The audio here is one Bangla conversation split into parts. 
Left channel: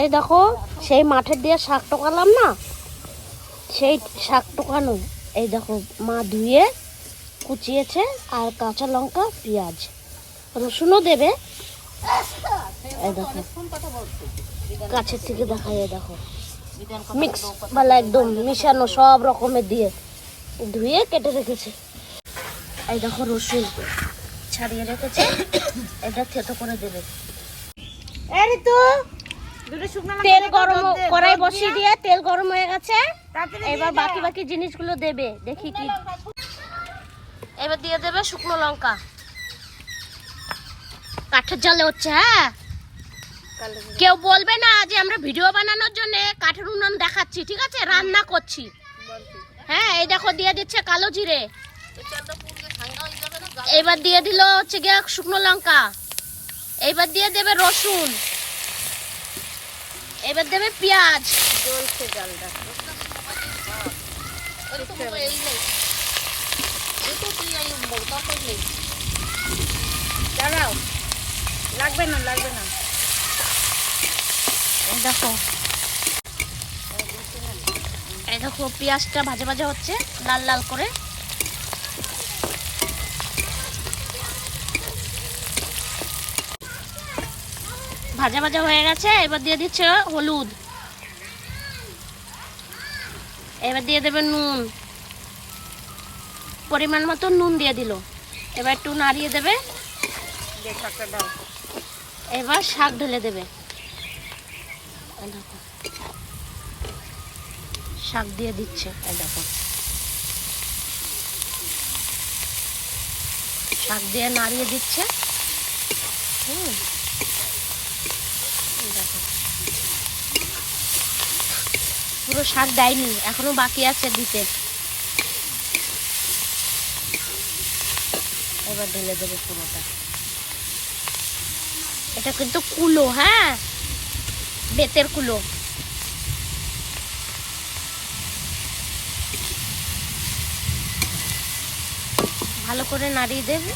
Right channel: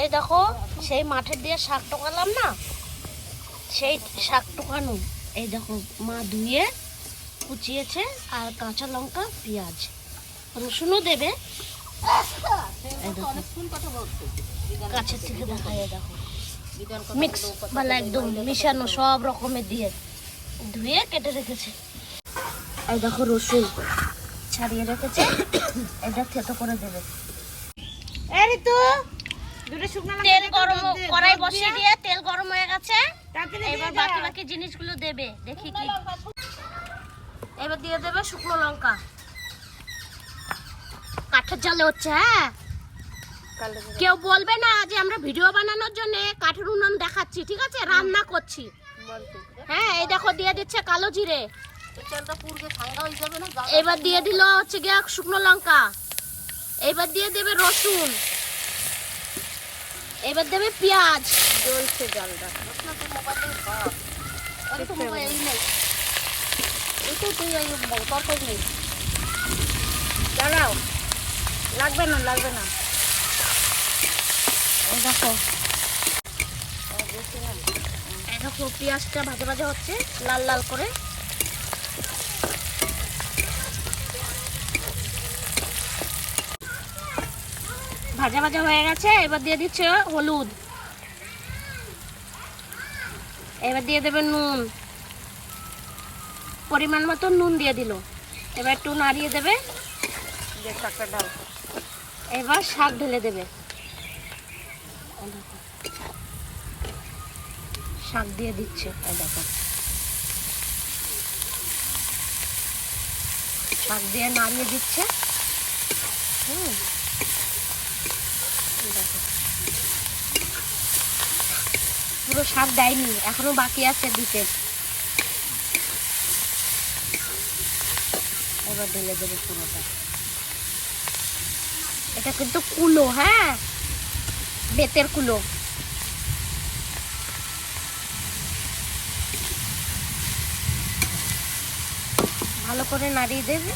এই দেখো সেই মাঠের দিয়ে শাক টোকালাম না, সেই শাক টোকানো। এই দেখো মা ধুয়ে কুচিয়েছে, আর কাঁচা লঙ্কা, পেঁয়াজ, রসুনও দেবে। এই দেখো কাছের থেকে দেখা যায়, দেখো মিক্স ভালো একদম মিশানো সব রকমের দিয়ে ধুয়ে কেটে রেখেছে। এই দেখো রসুন ছাড়িয়ে রেখেছে, এটা থেতো করে দেবে। তেল গরম, কড়াই বসিয়ে দিয়ে তেল গরম হয়ে গেছে, এবার বাকি বাকি জিনিসগুলো দেবে। দেখি কি, এবার দিয়ে দেবে শুকনো লঙ্কা। কাঠের জালে হচ্ছে, হ্যাঁ কেউ বলবে না যে আমরা ভিডিও বানানোর জন্য কাঠের উনুন দেখাচ্ছি, ঠিক আছে? রান্না করছি। হ্যাঁ এই দেখো দিয়ে দিচ্ছে কালো জিরে, এবার দিয়ে দিল হচ্ছে গিয়ে শুকনো লঙ্কা, এবার দিয়ে দেবে রসুন, এবার দেবে পেঁয়াজ। লাগবে না লাগবে না। দেখো এই দেখো পেঁয়াজটা ভাজা ভাজা হচ্ছে লাল লাল করে। ভাজা ভাজা হয়ে গেছে, এবার দিয়ে দিচ্ছে হলুদ, এবার দিয়ে দেবে নুন, পরিমাণ মতো নুন দিয়ে দিল। এবার একটু নাড়িয়ে দেবে, এবার শাক ঢেলে দেবে। শাক দিয়ে দিচ্ছে, এই দেখো শাক দিয়ে নাড়িয়ে দিচ্ছে। দেখো পুরো শাক দেয়নি, এখনো বাকি আছে দিতে। এবার ঢেলে দেবে পুরোটা। এটা কিন্তু কুলো, হ্যাঁ বেতের কুলো। ভালো করে নাড়িয়ে দেবে।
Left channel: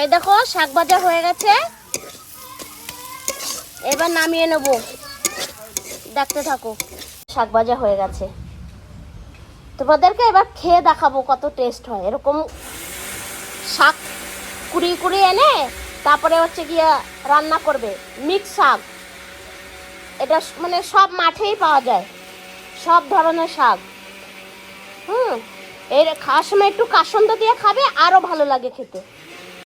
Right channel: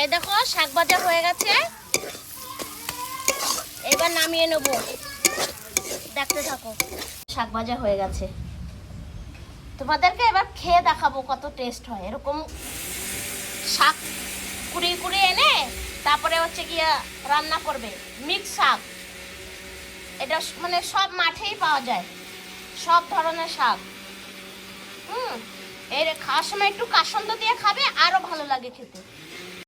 এই দেখো শাক ভাজা হয়ে গেছে, এবার নামিয়ে নেব। দেখতে থাকো, শাক ভাজা হয়ে গেছে। তোমাদেরকে এবার খেয়ে দেখাবো কত টেস্ট হয়। এরকম শাক কুড়িয়ে কুড়িয়ে এনে তারপরে হচ্ছে গিয়া রান্না করবে মিক্স শাক। এটা মানে সব মাঠেই পাওয়া যায়, সব ধরনের শাক। এর খাওয়ার সময় একটু কাসন্দ দিয়ে খাবে, আরো ভালো লাগে খেতে।